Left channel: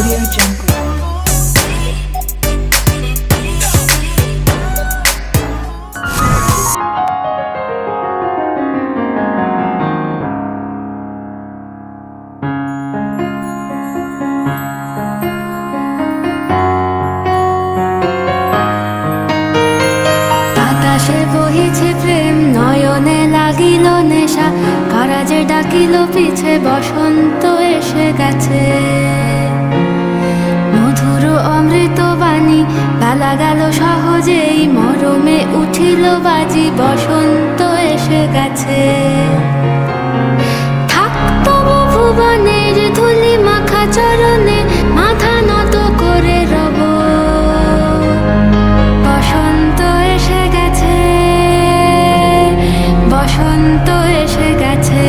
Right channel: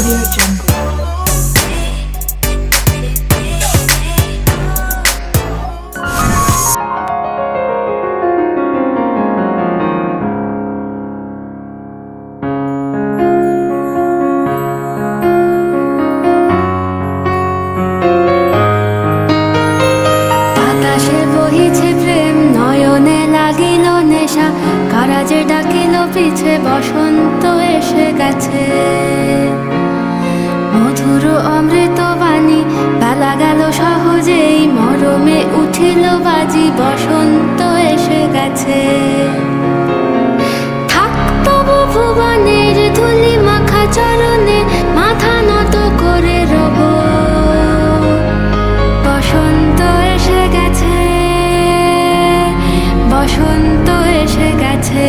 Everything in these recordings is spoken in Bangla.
Audio Jungle. বাতাসে বহিছে প্রেম, নয়নে লাগিল নেশা, কারাজে ডাকিল পিছে, বসন্ত এসে গেছে। মধুর অমৃত বাণী, বেলা গেল সহজেই, মরমে উঠিল বাজি, বসন্ত এসে গেছে। থাক তবু ভুবনের ধুলি মাখা চরণে, মাথা নত করে রব। বসন্ত এসে গেছে, বসন্ত এসে গেছে।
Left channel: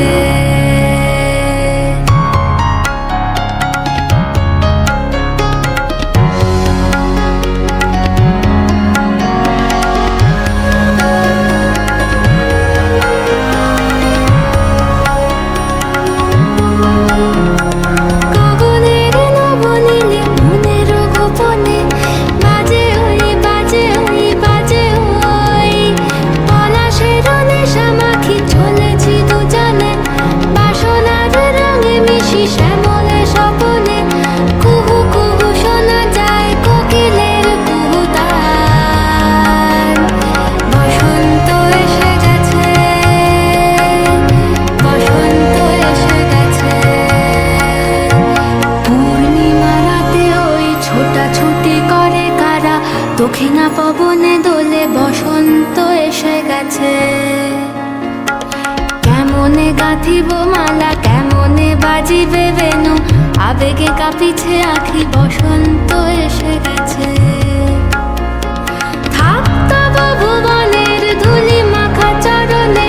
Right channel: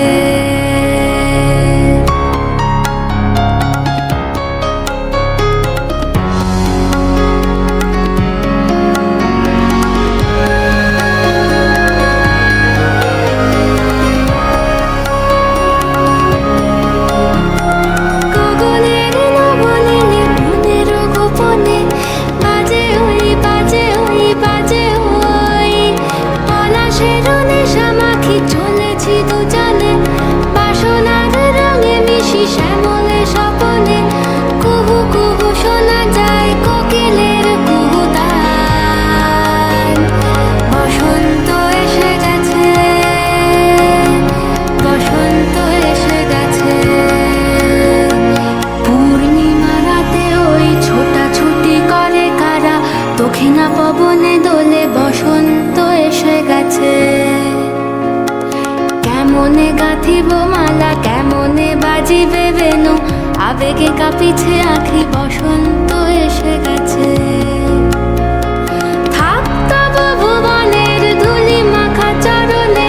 গগনের নবনীলে, মনের গোপনে, বাজে ওই বাজে ওই বাজে ওই। পলাশের নেশা মাখি চলেছি দুজনে, বাসনার রঙে মিশি শ্যামলে স্বপনে। কুহু কুহু শোনা যায় কোকিলের কুহুতান। বসন্ত এসে গেছে, বসন্ত এসে গেছে। পূর্ণিমা রাতে ওই ছোটাছুটি করে কারা, দক্ষিণা পবনে দোলে, বসন্ত এসে গেছে। কেমনে গাঁথিব মালা, কেমনে বাজিবে বেনু, আবেগে কাঁপিছে আঁখি, বসন্ত এসে গেছে। থাক তব ভুবনের ধুলি মাখা চরণে,